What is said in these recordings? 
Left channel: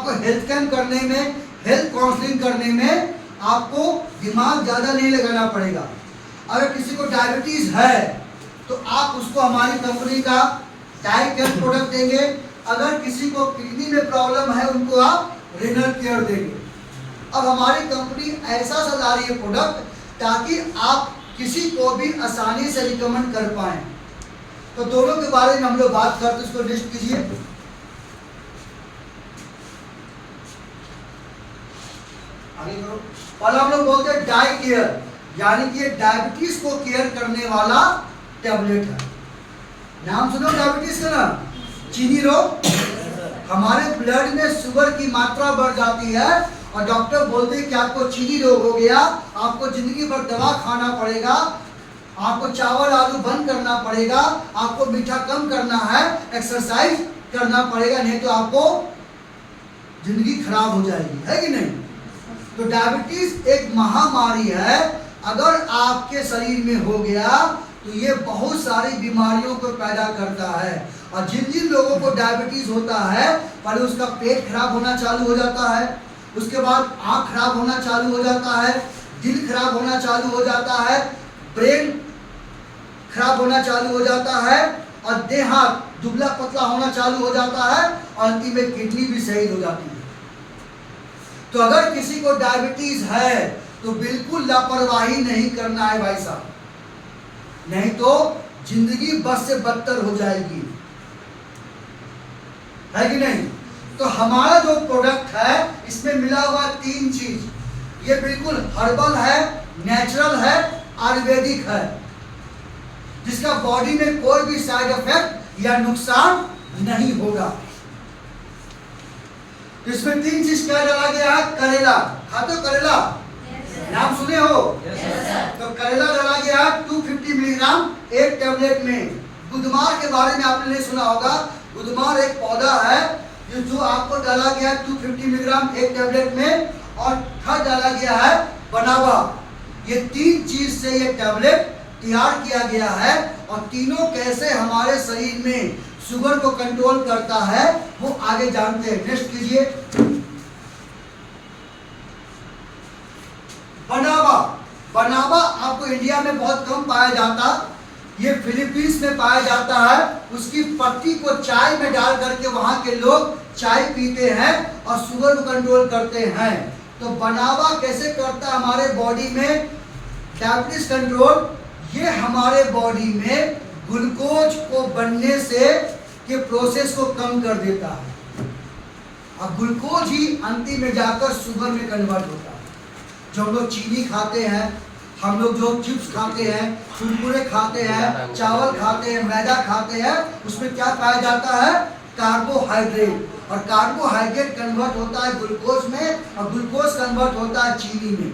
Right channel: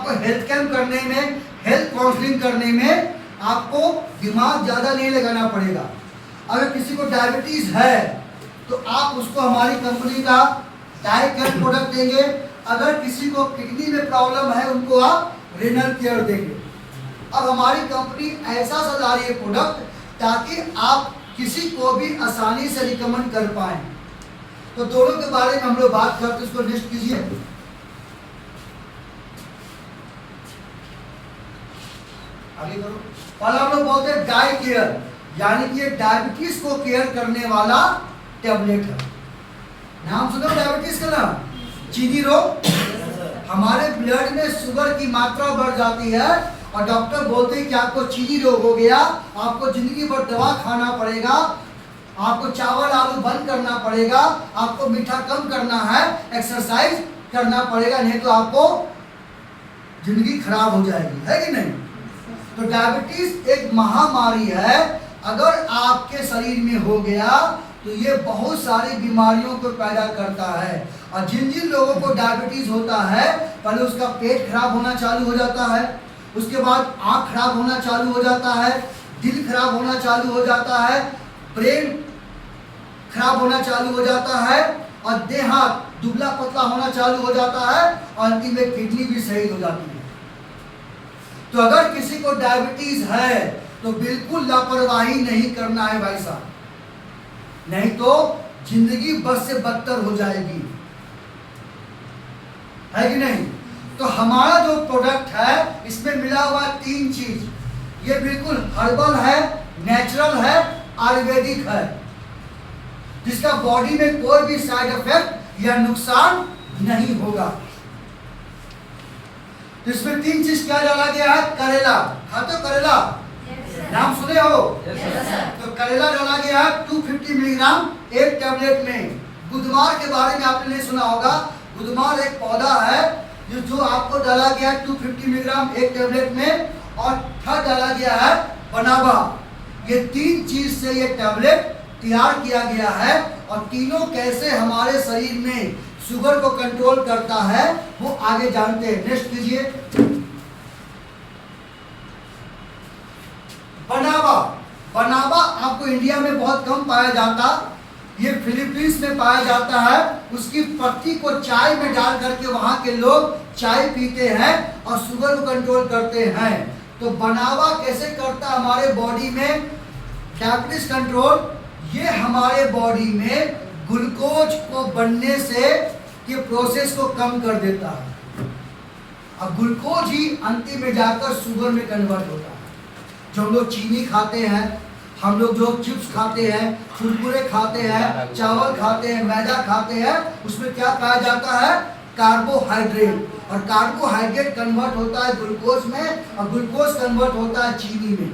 आपको health camp करने में, हेल्थ काउंसलिंग करने में आपको दिमाग ज़्यादा नहीं लगाना पड़ेगा। अगर किसी को डायबिटीज़ है तो आप उसको हमारी कंपनी का डाइट केयर प्रोडक्ट देंगे। अगर किसी को किडनी में प्रॉब्लम है उनको आप रेनल केयर देंगे। अब हमारी कंपनी ऐसा सजा रही है प्रोडक्ट ताकि आप किसी को भी आसानी से रिकमेंड कर पाए। तो दोनों के बारे में हम लोग बात करते, इसको लिस्ट कीजिए। आगे करो। पहला हम लोग बोलते हैं डाई केयर, यानी कि ये डायबिटीज को केयर करने वाला टेबलेट है। नाम सुनो डायबिटीज का ना, चीनी रोग। हमारे ब्लड में शुगर की मात्रा बढ़ जाती है और डॉक्टर बोलते हैं कि आपको चीनी रोग हो गया, आपको जिंदगी भर दवा खाना पड़ेगा, आपको चावल आलू बंद करना पड़ेगा, आपको मीठा कम करना है, एक्सरसाइज करना पड़ेगा, नहीं तो आपको जिंदगी खराब हो जाएगी, है कि नहीं। तो डायबिटीज एक महामारी है। अगर आपके शरीर में हो गया तो ये बहुत सारी बीमारियों को पैदा करता है। और जिन जिन लोगों को डायबिटीज होता है, पहले उसका पेट खराब होना चालू हो जाता है, उसके बाद आँख खराब होना चालू हो जाता है, दिल खराब होना चालू हो जाता है, ब्रेन खराब होना चालू हो जाता है और देह हाथ दुबला पतला होना चालू हो जाता है और अंतिम में किडनी भी सही हो जाती है। तो अगर किसी को डायबिटीज है तो बिल्कुल लापरवाही नहीं करना है भाई साहब, नहीं तो जिंदगी बस से बदतर हो जाएगी, है कि नहीं। तो हमारा जो प्रोडक्ट है इसमें मिला हुआ 3 चीज। ये बिल्कुल हर्बल है, नेचुरल है, आयुर्वेदिक है, जिसका बॉडी में कोई भी साइड इफेक्ट या नुकसान नहीं होगा। तो इसमें 3 चीज क्या डाला गया है। करेला, खाते हो करेला? नाम सुने हो? तो करेला डाला गया 250 मिलीग्राम एक टेबलेट में। गुदमार के बारे में आपने नहीं सुना होगा। गुदमार एक पौधा है जो आपको डाला गया 250 मिलीग्राम एक टेबलेट में, और थर्ड डाला गया है बनावा। ये 3 चीज से ये टेबलेट तैयार किया गया है। और तीनों कैसे हमारे शरीर में शुगर को कंट्रोल करता है वो आगे जानते हैं। नेक्स्ट कीजिए। बनावा, बनावा आपको इंडिया में बहुत कम पाया जाता, ये फिलीपींस में पाया जाता है। उसकी पत्ती को चाय में डाल करके वहां के लोग चाय पीते हैं और शुगर को कंट्रोल करते हैं। तो बनावा कैसे करता है हमारे बॉडी में डायबिटीज कंट्रोल। ये हमारे बॉडी में ग्लूकोज को बनने से के प्रोसेस को कम कर देता है और ग्लूकोज ही अंतिम में जाकर शुगर में कन्वर्ट होता है। जो हम लोग चीनी खाते हैं, हम लोग जो चिप्स खाते हैं, कुरकुरे खाते हैं, चावल खाते हैं, मैदा खाते हैं, उसमें क्या पाया जाता है। कार्बोहाइड्रेट, और कार्बोहाइड्रेट कन्वर्ट होता है ग्लूकोज में और ग्लूकोज कन्वर्ट होता है चीनी में।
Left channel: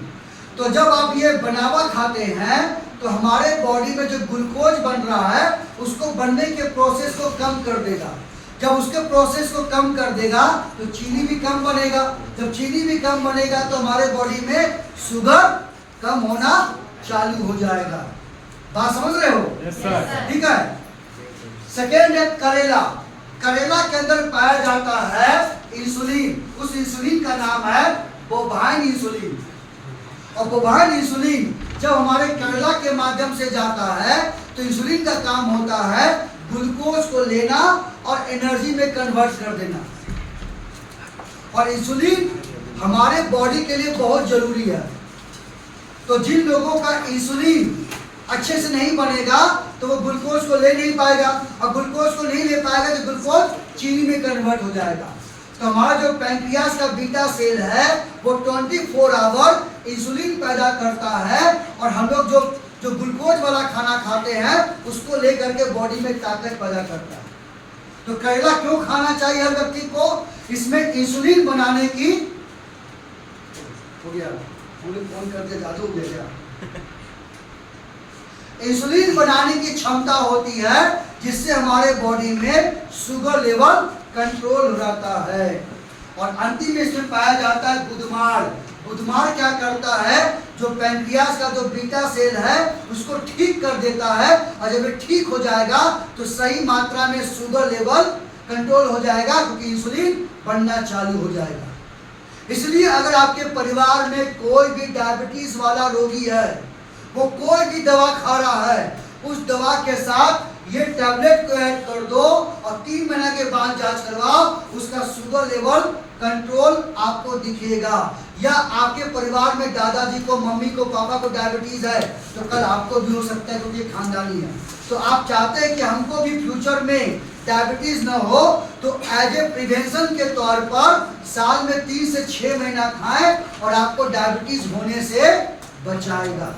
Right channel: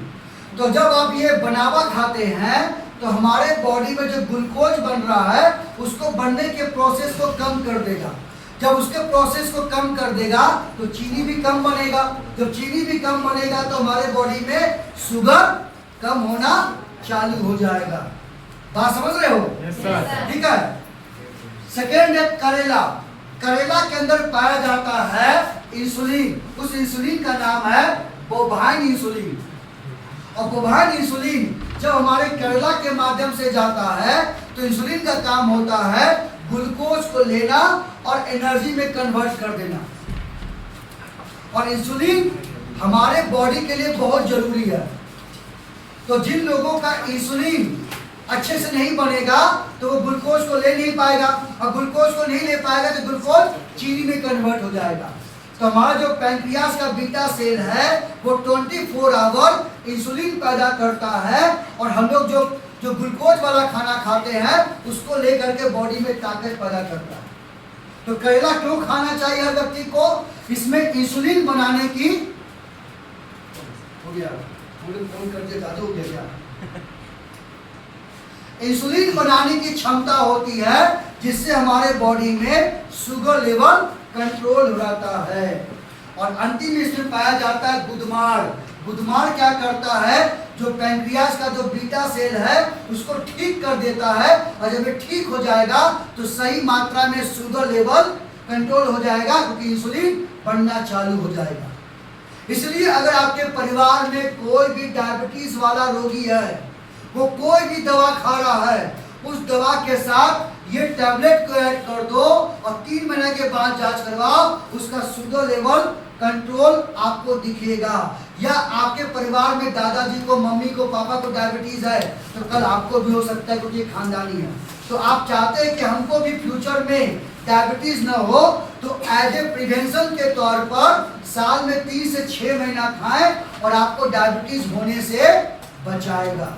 तो जब आप ये बनावा खाते हैं तो हमारे बॉडी में जो ग्लूकोज बन रहा है उसको बनने के प्रोसेस को कम कर देगा। जब उसके प्रोसेस को कम कर देगा तो चीनी भी कम बनेगा। जब चीनी भी कम बनेगा तो हमारे बॉडी में शुगर कम होना चालू हो जाएगा। बात समझ रहे हो? ठीक है। सेकेंड है करेला। करेला के अंदर पाया जाता है इंसुलिन। उस इंसुलिन का नाम है बोवाइन इंसुलिन। और बोवाइन इंसुलिन जब हमारे करेला के माध्यम से जाता है तो इंसुलिन का काम होता है ग्लूकोज को लेना और एनर्जी में कन्वर्ट कर देना। और इंसुलिन हमारे बॉडी के लिए बहुत जरूरी है। तो जिन लोगों का इंसुलिन अच्छे से नहीं बनेगा तो वो ग्लूकोज को ले नहीं पाएगा, और ग्लूकोज को नहीं ले पाएगा तो ग्लूकोज चीनी में कन्वर्ट हो जाएगा। तो हमारा जो पैंक्रियास का बीटा सेल है वो 24 आवर इंसुलिन पैदा करता है, और हम लोग जो ग्लूकोज वाला खाना खाते हैं उसको लेकर के बॉडी में ताकत पैदा करता है। तो करेला क्यों खाना चाहिए हर व्यक्ति को? इसमें इंसुलिन बनाने की फोन करके जादू दे दिया। इंसुलिन बनाने की क्षमता होती है जिससे हमारे बॉडी में शुगर लेवल कंट्रोल हो जाता है। और अंतिम में इसमें पाया जाता है गुदमार। गुदमार क्या करता है, जो पैंक्रियास का जो बीटा सेल है उसको ठीक कर देता है, और जब ये ठीक हो जाएगा तो सही मात्रा में शुगर लेवल कंट्रोल हो जाएगा, क्योंकि इंसुलिन बनना चालू हो जाएगा। इसलिए अगर आपके परिवार में कोई भी डायबिटीज वाला रोगी है, वो कोई भी दवा खा रहा है, उस दवा के साथ ये टैबलेट को ऐड कर दो और 3 महीने के बाद जांच करवाओ, उसका शुगर लेवल कंट्रोल आपको दिखेगा। या आपके परिवार में दादाजी को, मम्मी को, पापा को डायबिटीज है, तो कल आपको भी हो सकता है, क्योंकि खानदानी है। तो आप चाहते हैं कि हमको भी फ्यूचर में डायबिटीज ना हो, तो एज ए प्रिवेंशन के तौर पर साल में 3 से 6 महीना खाएं और आपको डायबिटीज होने से बचाएगा।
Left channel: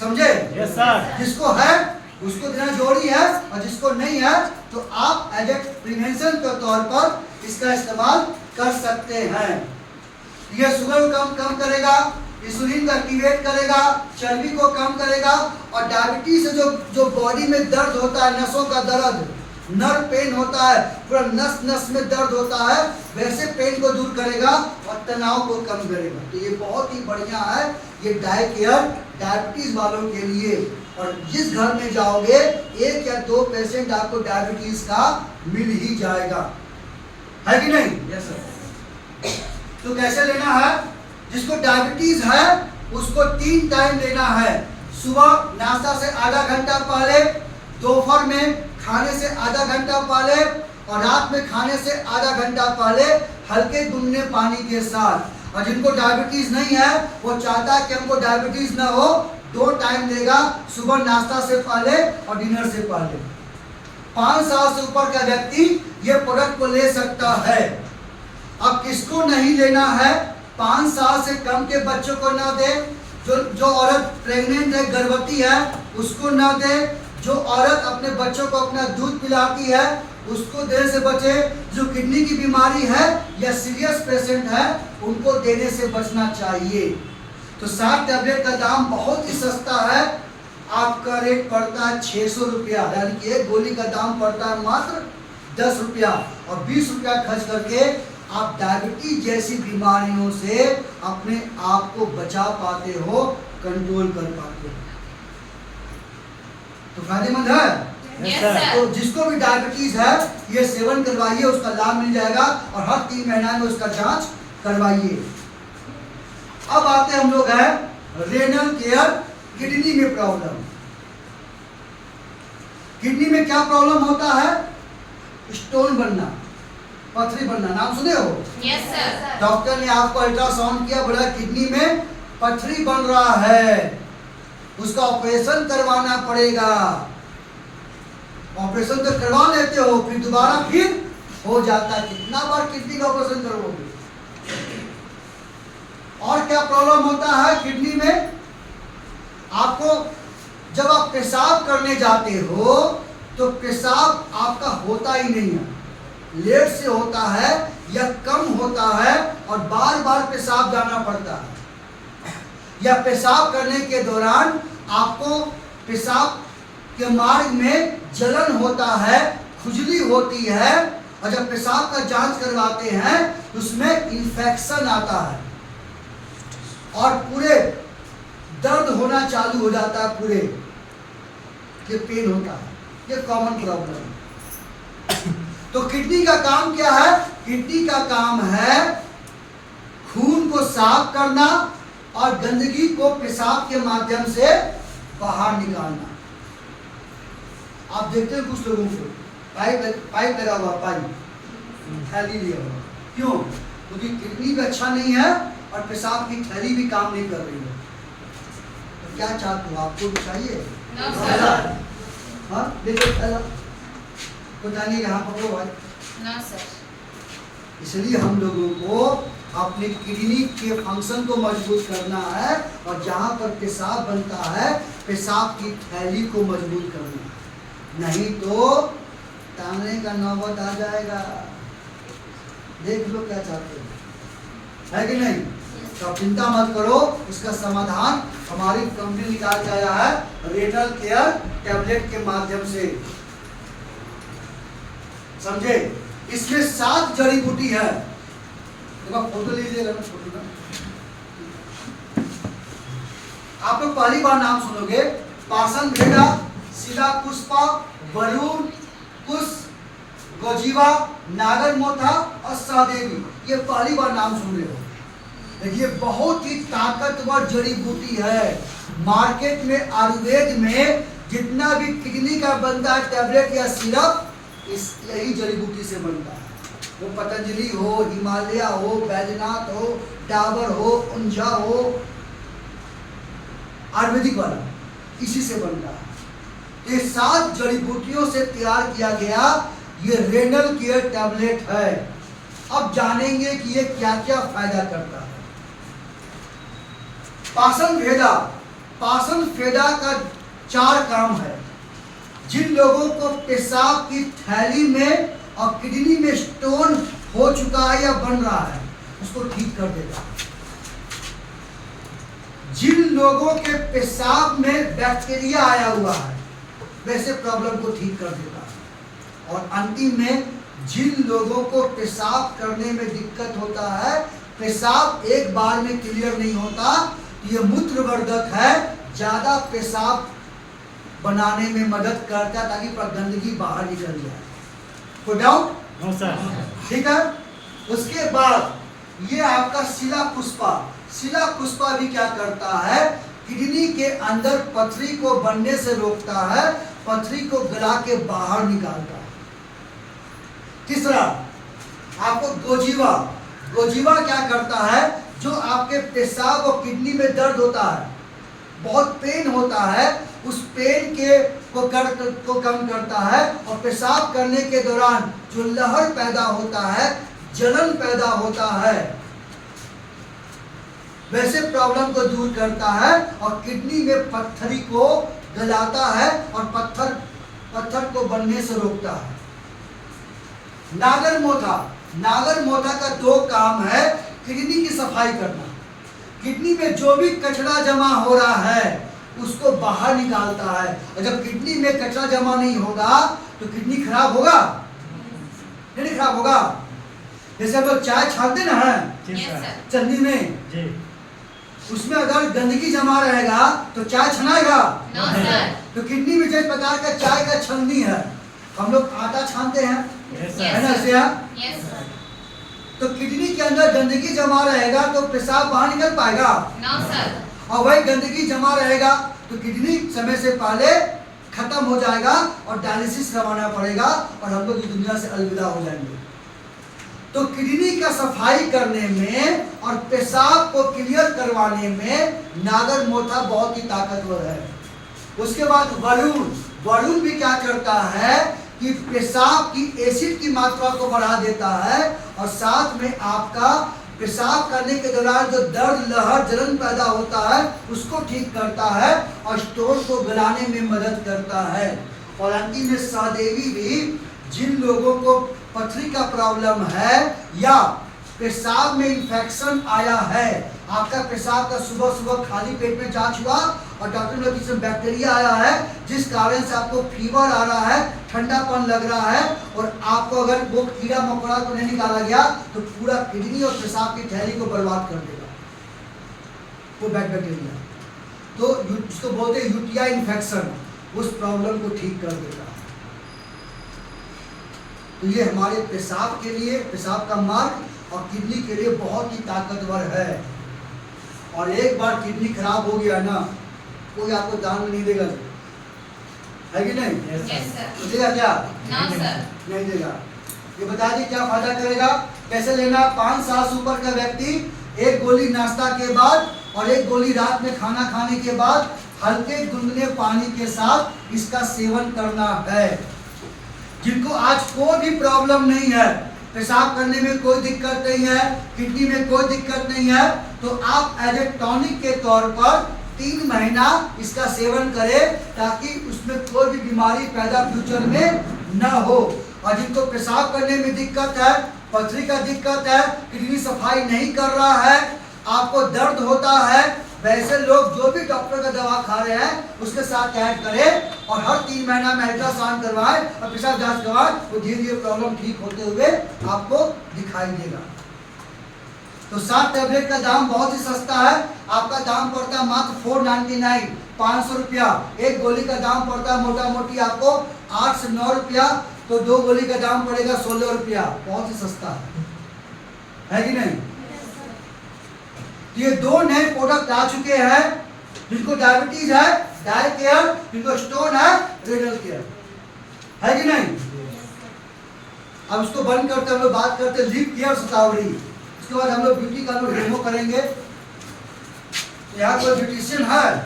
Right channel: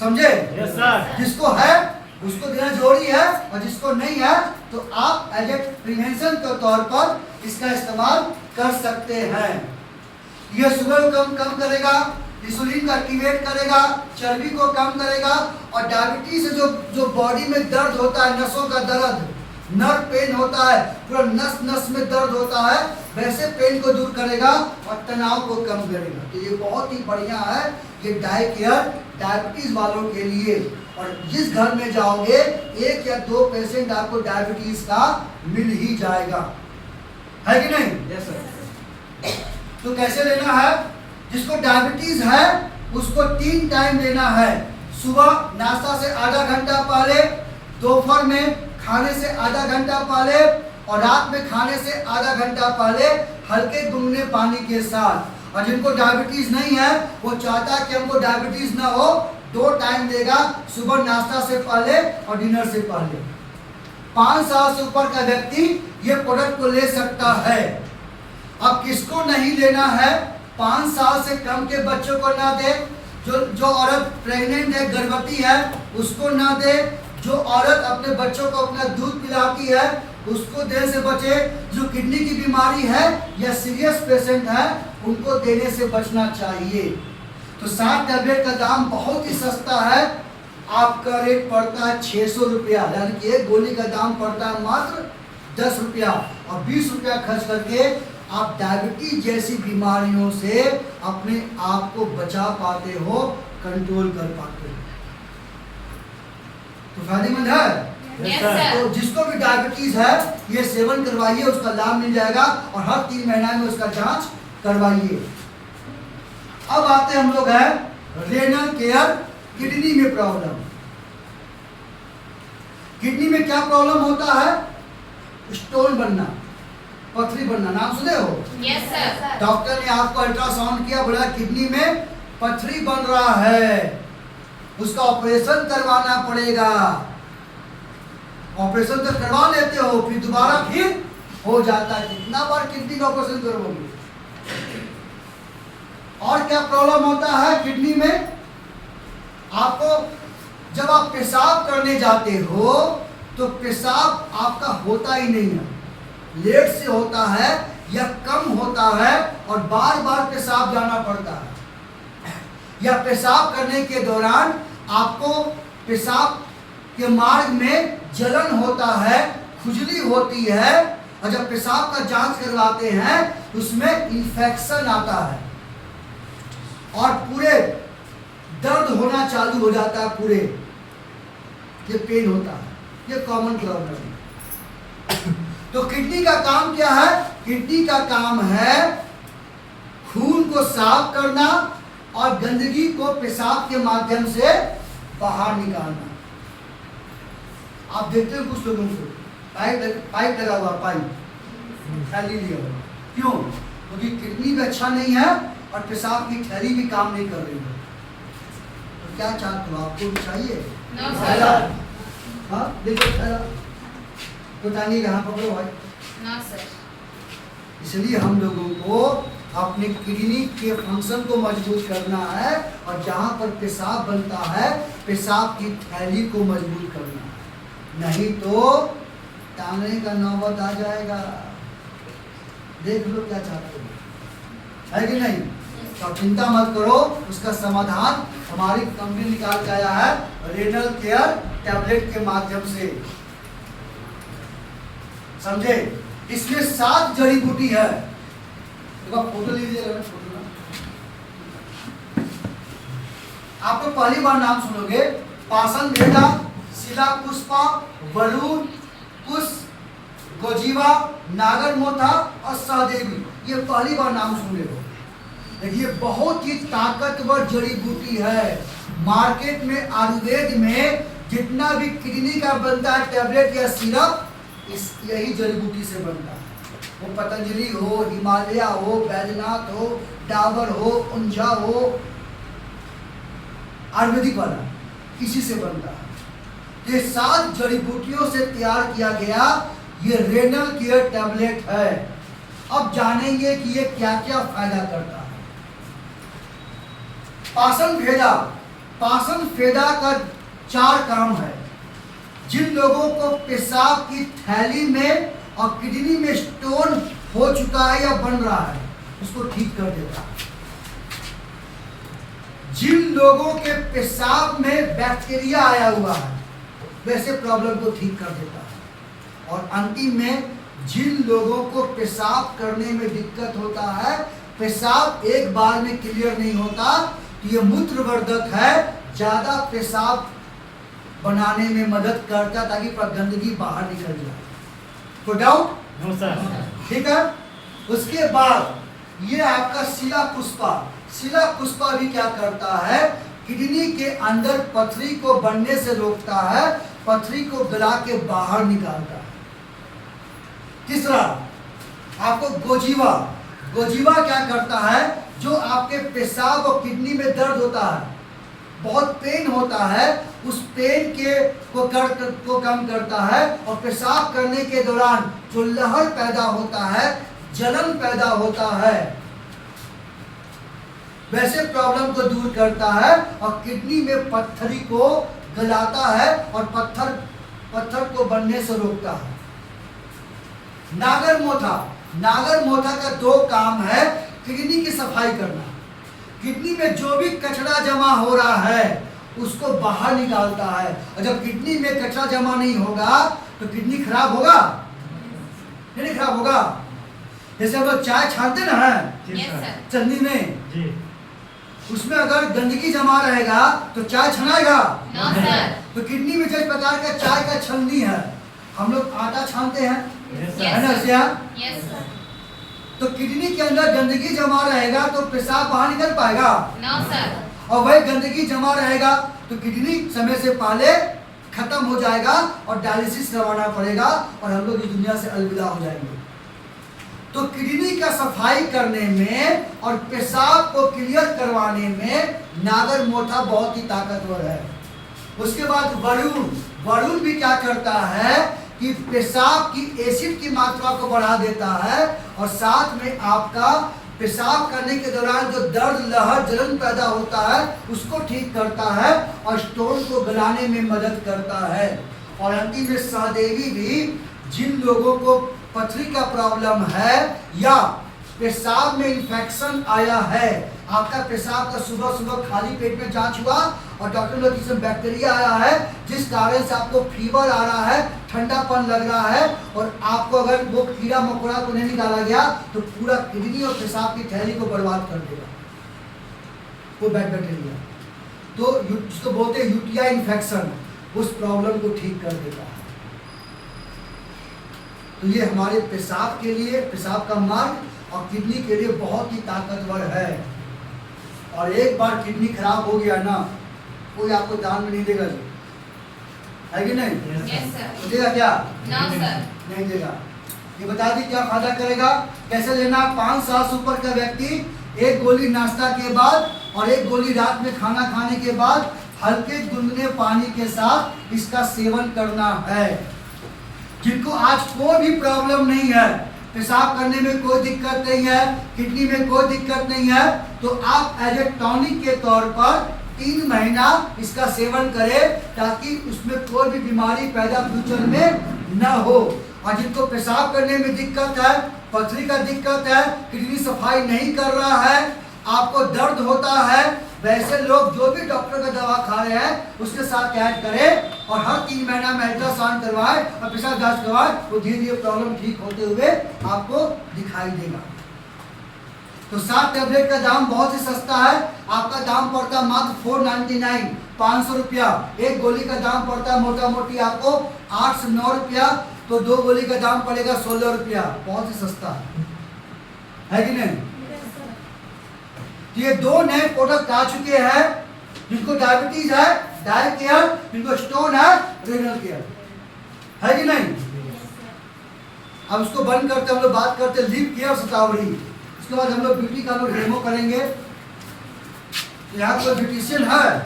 समझे? Yes sir. जिसको है उसको देना जरूरी है, और जिसको नहीं है तो आप एज ए प्रिवेंशन के तौर पर इसका इस्तेमाल कर सकते हैं। यह शुगर को कम करेगा, इंसुलिन को एक्टिवेट करेगा, चर्बी को कम करेगा, और डायबिटीज से जो बॉडी में दर्द होता है, नसों का दर्द, नर्व पेन होता है, पूरा नस नस में दर्द होता है, वैसे पेन को दूर करेगा और तनाव को कम करेगा। तो ये बहुत ही बढ़िया है ये डाई केयर डायबिटीज वालों के लिए। और जिस घर में जाओगे 1 या 2 पेशेंट आपको डायबिटीज का मिल ही जाएगा, है कि नहीं? Yes sir. तो कैसे लेना है? जिसको डायबिटीज है उसको 3 टाइम लेना है। सुबह नाश्ता से आधा घंटा पहले, दोपहर में खाने से आधा घंटा पहले, और रात में खाने से आधा घंटा पहले हल्के गुनगुने पानी के साथ। और जिनको डायबिटीज नहीं है वो चाहता है कि हमको डायबिटीज ना हो, 2 टाइम देगा, सुबह नाश्ता से पहले और डिनर से पहले। 5 साल से ऊपर का व्यक्ति ये प्रोडक्ट को ले सकता है। अब किसको नहीं लेना है? 5 साल से कम के बच्चों को ना दे, जो औरत प्रेग्नेंट है, गर्भवती है, उसको ना दे, जो औरत अपने बच्चों को अपना दूध पिलाती है उसको देने से बचे, जो किडनी की बीमारी है या सीरियस पेशेंट है उनको देने से बचना चाहिए। तो 60 टैबलेट का दाम बहुत ही सस्ता है, आपका रेट पड़ता है 600 रुपया, यानी कि एक गोली का दाम पड़ता है मात्र 10 रुपया, और 20 रुपया खर्च करके आप डायबिटीज जैसी बीमारियों से अपने आप को बचा पाते हो, कंट्रोल कर पाते हो। तो फायदेमंद है। Yes sir. तो जिसको भी डायबिटीज है ये सेवन करवाइए, उसका लाभ मिल जाएगा, और हर 3 महीना में उसका जांच करवाइए। अब आते हम लोग हैं रेनल केयर, किडनी में प्रॉब्लम। किडनी में क्या प्रॉब्लम होता है? स्टोन बनना, पथरी बनना, नाम सुने हो? Yes sir. डॉक्टर ने आपको अल्ट्रासाउंड किया, बोला किडनी में पथरी बन रहा है, उसका ऑपरेशन करवाना पड़ेगा। ऑपरेशन तो करवा लेते हो, फिर दोबारा फिर हो जाता है। कितना बार किडनी का ऑपरेशन करवाओगे? और क्या प्रॉब्लम होता है किडनी में? आपको जब आप पेशाब करने जाते हो तो पेशाब आपका होता ही नहीं है, लेट से होता है या कम होता है, और बार बार पेशाब जाना पड़ता है, या पेशाब करने के दौरान आपको पेशाब के मार्ग में जलन होता है, खुजली होती है, और जब पेशाब का जांच करवाते हैं उसमें इन्फेक्शन आता है और पूरे दर्द होना चालू हो जाता है, पूरे ये पेन होता है, ये कॉमन प्रॉब्लम है। तो किडनी का काम क्या है? किडनी का काम है खून को साफ करना और गंदगी को पेशाब के माध्यम से बाहर निकालना। आप देखते हैं कुछ लोगों को पाइप लगा हुआ, पाइप थैली लिया हुआ, क्यों? क्योंकि किडनी भी अच्छा नहीं है और पेशाब की थैली भी काम नहीं कर रही है। तो क्या चाहते हो? आपको भी चाहिए थैला? हाँ देखो थैला, पता नहीं कहाँ पकड़ो भाई। No sir. इसलिए हम लोगों को अपने किडनी के फंक्शन को मजबूत करना है, और जहाँ पर पेशाब बनता है पेशाब की थैली को मजबूत करना है, नहीं तो टांगने का नौबत आ जाएगा। देख लो क्या चाहते हो, है कि नहीं? तो चिंता मत करो, उसका समाधान हमारी कंपनी निकाल के आया है रेनल केयर टैबलेट के माध्यम से। समझे? इसमें 7 जड़ी बूटी है। देखो फोटो लीजिएगा, फोटो ना आप लोग पहली बार नाम सुनोगे, पासन भेदा, शिला पुष्पा, वरुण, कुश, गोजीवा, नागर मोथा और सहदेवी, ये पहली बार नाम सुन रहे हो। देखिए बहुत ही ताकतवर जड़ी बूटी है। मार्केट में आयुर्वेद में जितना भी किडनी का बनता है टैबलेट या सिरप, इस यही जड़ी बूटी से बनता है। वो पतंजलि हो, हिमालय हो, बैजनाथ हो, डाबर हो, उंझा हो, आयुर्वेदिक वाला इसी से बनता है। ये 7 जड़ी बूटियों से तैयार किया गया ये रेनल केयर टैबलेट है। अब जानेंगे कि ये क्या क्या फायदा करता है। पाचन भेदा, पाचन भेदा का 4 काम है। जिन लोगों को पेशाब की थैली में और किडनी में स्टोन हो चुका है या बन रहा है, उसको ठीक कर देगा। जिन लोगों के पेशाब में बैक्टीरिया आया हुआ है, वैसे प्रॉब्लम को ठीक कर देता है। और अंतिम में जिन लोगों को पेशाब करने में दिक्कत होता है, पेशाब एक बार में क्लियर नहीं होता, तो ये मूत्रवर्धक है, ज्यादा पेशाब बनाने में मदद करता है ताकि गंदगी बाहर निकल जाए। तो डाउट? No sir. ठीक है। उसके बाद ये आपका शिला पुष्पा, शिला पुष्पा भी क्या करता है, किडनी के अंदर पथरी को बनने से रोकता है, पथरी को गला के बाहर निकालता है। तीसरा आपको गोजीवा, गोजीवा क्या करता है, जो आपके पेशाब और किडनी में दर्द होता है, बहुत पेन होता है, उस पेन को कम करता है। और पेशाब करने के दौरान जो लहर पैदा होता है, जलन पैदा होता है, वैसे प्रॉब्लम को दूर करता है और किडनी में पत्थरी को गलाता है और पत्थर को बनने से रोकता है। नागर मोथा, नागर मोथा का 2 काम है, किडनी की सफाई करना। किडनी में जो भी कचरा जमा हो रहा है उसको बाहर निकालता है। और जब किडनी में कचरा जमा नहीं होगा तो किडनी खराब होगा, नहीं खराब होगा। जैसे हम लोग चाय छानते ना है चन्नी में जी, उसमें अगर गंदगी जमा रहेगा तो चाय छनाएगा। No sir. तो किडनी में जिस प्रकार का चाय का छलनी है, हम लोग आटा छानते हैं, यस है ना, सर। Yes sir. तो किडनी के अंदर गंदगी जमा रहेगा तो पेशाब बाहर निकल पाएगा, नो सर। और वही गंदगी जमा रहेगा तो किडनी समय से पहले खत्म हो जाएगा और डायलिसिस करवाना पड़ेगा और हम लोग इस दुनिया से अलविदा हो जाएंगे। तो किडनी का सफाई करने में और पेशाब को क्लियर करवाने में नागर मोथा बहुत ही ताकतवर है। उसके बाद वरुण, वरुण भी क्या करता है कि पेशाब की एसिड की मात्रा को बढ़ा देता है और साथ में आपका पेशाब करने के दौरान जो दर्द, लहर, जलन पैदा होता है उसको ठीक करता है और स्टोन को गलाने में मदद करता है। और अंतिम में सहदेवी भी जिन लोगों को पथरी का प्रॉब्लम है या पेशाब में इन्फेक्शन आया है, आपका पेशाब का सुबह सुबह खाली पेट में जांच हुआ और डॉक्टर ने इसमें बैक्टीरिया आया है जिस कारण से आपको फीवर आ रहा है, ठंडापन लग रहा है और आपको अगर वो कीड़ा मकोड़ा को नहीं निकाला गया तो पूरा किडनी और पेशाब की थैली को बर्बाद कर देगा वो बैक्टीरिया। तो जिसको बोलते हैं यूटीआई इन्फेक्शन, उस प्रॉब्लम को ठीक कर देता है। तो ये हमारे पेशाब के लिए, पेशाब का मार्ग और किडनी के लिए बहुत ही ताकतवर है। और एक बार किडनी खराब हो गया ना, कोई आपको दान में नहीं देगा, है कि नहीं? Yes sir. देगा क्या? No sir. नहीं देगा। ये बता दी क्या फायदा करेगा, कैसे लेना। 5 साल से ऊपर का व्यक्ति 1 गोली नाश्ता के बाद और 1 गोली रात में खाना खाने के बाद हल्के गुनगुने पानी के साथ इसका सेवन करना है। जिनको आज कोई भी प्रॉब्लम नहीं है, पेशाब करने में कोई दिक्कत नहीं है, किडनी में कोई दिक्कत नहीं है, तो आप एज ए टॉनिक के तौर पर 3 महीना इसका सेवन करें ताकि उसमें कोई भी बीमारी पैदा फ्यूचर में न हो। और जिनको पेशाब करने में दिक्कत है, पथरी का दिक्कत है, किडनी सफाई नहीं कर रहा है, आपको दर्द होता है, वैसे लोग जो भी डॉक्टर का दवा खा रहे हैं उसके साथ ऐड करें और हर 3 महीना में अल्ट्रासाउंड करवाएं और पेशाब जांच करवाएं, तो धीरे धीरे प्रॉब्लम ठीक होते हुए आपको दिखाई देगा। तो 7 टैबलेट का दाम बहुत ही सस्ता है, आपका दाम पड़ता है मात्र 499, 500 रुपया। 1 गोली का दाम पड़ता है मोटा मोटी आपको 8 से 9 रुपया। तो 2 गोली का दाम पड़ेगा 16 रुपया। बहुत ही सस्ता है कि नहीं? तो ये 2 नए प्रोडक्ट आ चुके हैं। जिनको डायबिटीज है डाई केयर, जिनको स्टोन है रेनल केयर, है कि नहीं? अब इसको बंद करते हम लोग बात करते हैं लिप केयर शतावरी। उसके बाद हम लोग ब्यूटी का लोग डेमो करेंगे। यहाँ कोई ब्यूटिशियन है?